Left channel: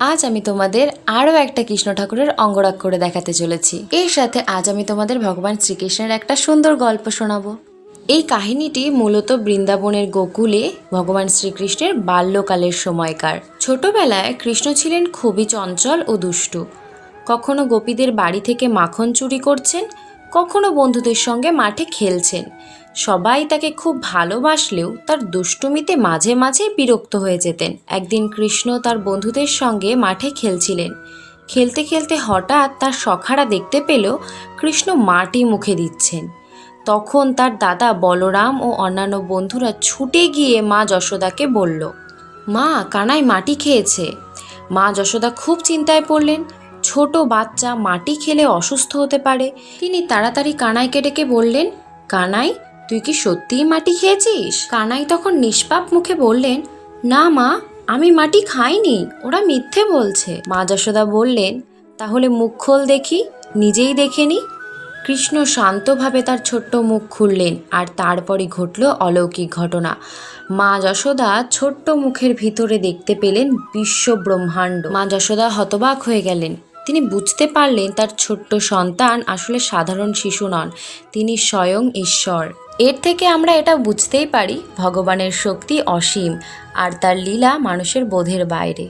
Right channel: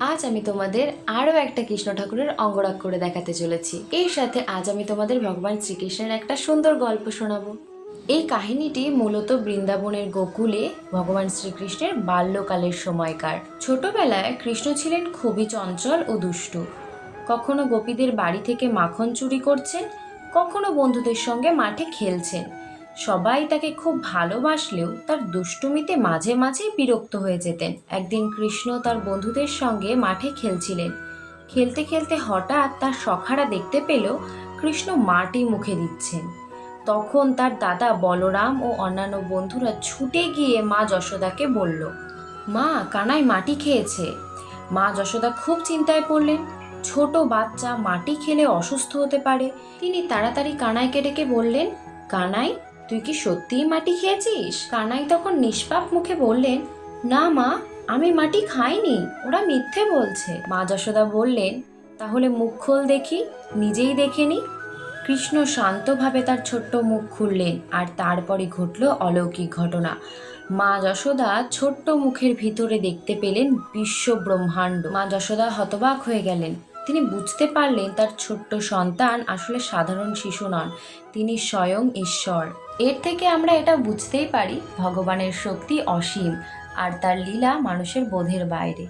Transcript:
আজ আমি তোমাদের আরও একটা কৃষ্ণ ঠাকুরের অঙ্গরাগ করে দেখাতে চলেছি। এর সাথে আজ আমি তোমাদের ভগবান শ্রীকৃষ্ণের একটা সুন্দর গল্প শোনাবো। এই কাহিনীটি মূলত বৃন্দাবনের গোকুলে ভগবান শ্রীকৃষ্ণের বাল্যকালের সময়কার। ছোটবেলায় কৃষ্ণ ছিলেন খুবই চঞ্চল ও দুষ্টু। কখনো গোপীদের বাড়ি থেকে মাখন চুরি করছেন, কখনো বন্ধুদের সঙ্গে মাঠে খেলছেন। সবাই তাকে খুব ভালোবাসলেও তার দুষ্টুমিতে মাঝে মাঝে বিরক্ত হয়ে যেতেন। একদিন কৃষ্ণ তার বন্ধুদের সঙ্গে মাঠে খেলছিলেন। খেলতে খেলতে হঠাৎ তার সখারা দেখতে পেল কৃষ্ণ মাটি মুখে দিচ্ছেন। তখন তার দাদা বলরাম ও অন্যান্য বন্ধুরা ছুটে গিয়ে মা যশোদাকে বলল, মা, কানাই মাটি খেয়েছে। মা যশোদা খুব চিন্তায় পড়লেন। ছোট বাচ্চা মাটি খেলে অসুস্থ হতে পারে। তিনি তাড়াতাড়ি কানাইকে ডেকে বললেন, কানাই, তুই কি সত্যিই মাটি খেয়েছিস? কানাই তখন নিষ্পাপ মুখে বললেন, না মা, আমি মাটি খাইনি, ওরা মিথ্যে বলছে। মা যশোদা বললেন, তাহলে মুখ খোল দেখি, নিজেই দেখে নি। কৃষ্ণ শান্তভাবে তার ছোট্ট মুখ খুললেন, আর তারপরে ঘটল অলৌকিক ঘটনা। মা যশোদা ছোট্ট মুখের ভিতরে দেখতে পেলেন বিশ্ব ব্রহ্মাণ্ড। মা যশোদা হতবাক হয়ে গেলেন। তিনি বুঝতে পারলেন তার ছোট্ট সন্তান আসলে সাধারণ শিশু নন, তিনি স্বয়ং ঈশ্বর। এর থেকে আমরা এটা বুঝতেই পারি ভগবানের শক্তি অসীম আর তার লীলা মানুষের বোধের বাইরে।